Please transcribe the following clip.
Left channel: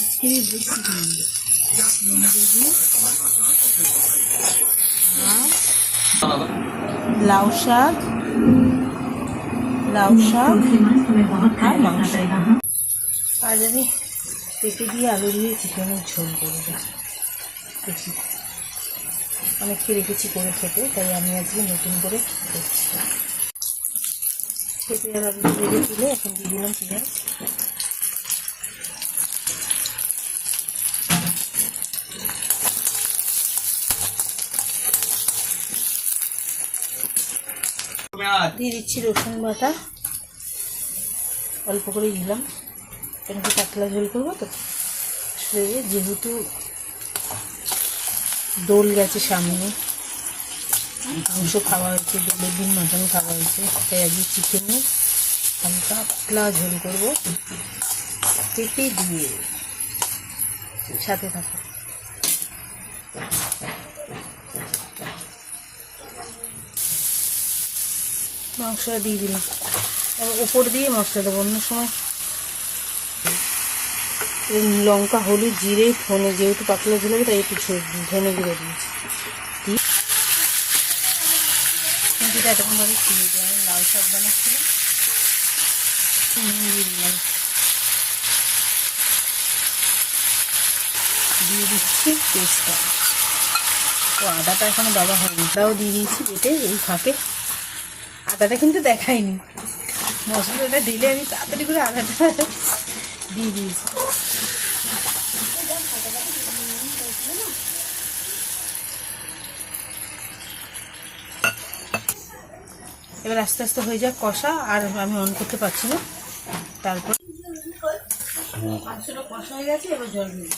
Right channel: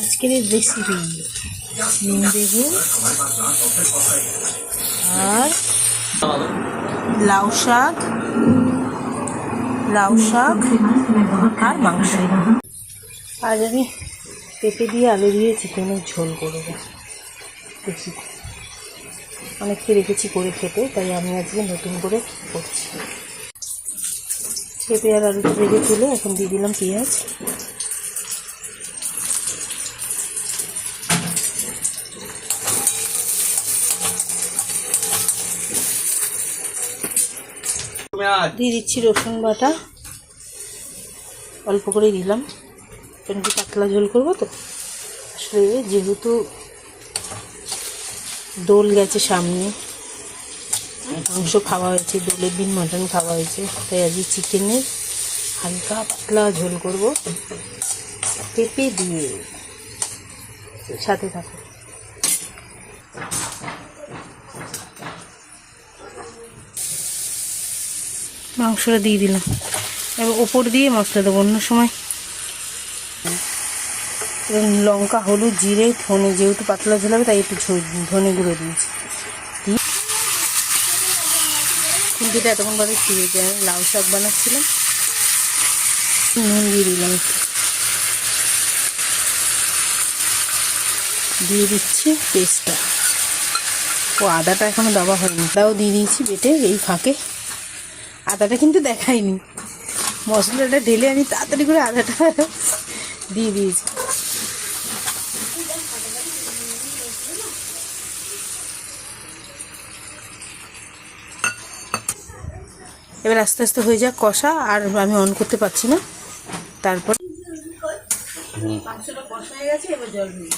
আজকের রেসিপি ডিম বেগুন আর লাউ শাক আর মাংস। আজ আমি পেঁপে দিয়ে আলু দিয়ে চিকেনের ঝোল করব। দেখি অনেককে রেখেছি করে খেতে, তাই আমি আজকে নতুন করে করছি। পেঁপে আর আলুটা ভেজে তুলে এখন দিয়ে দিলাম পেঁয়াজ, দিয়ে দিচ্ছি রসুন বাটা, অল্প করেই দিলাম, একটু পাতলা ঝোল করবো তো। আসলে যেহেতু দোল গেছে সামনে, মাংস খাওয়া হয়েছে, দোলের দিন মাটন খাওয়া হয়েছে, তাই আজকে চিকেনের হালকা পাতলা ঝোল করবো পেঁপে দিয়ে। সাথে থাকো। মাংসটা দিয়ে দিলাম, এবার ওপর দিয়ে মশলা দেবো। অন্য সময় লঙ্কা, হলুদ, জিরে, ধনে, যেহেতু পাতলা ঝোল হবে তাই একটু ধনে গুঁড়ো দিয়েছি। কিন্তু এটা এতক্ষণভাবে ছিঁড়ে যায়, লাউ শাক বানাচ্ছিলাম, নুন দিয়ে দিলাম, দিয়ে দিচ্ছি পেস্টটা। ও আদাটা এখনো দেওয়া হয়নি, আদাও দিয়ে দিয়েছি বেটে এই ফাঁকে। আদাটা কিন্তু দেখাইনি, মশলাটা ঢেলে আমি তাড়াতাড়ি করে আদাটা দিয়ে দিয়েছি। এবার আস্তে আস্তে হয়ে যাক কষা, আর আমি অন করতে পারছি না। তারপর মাংসটা কষা হয়ে গেছে, এবার জল দিয়ে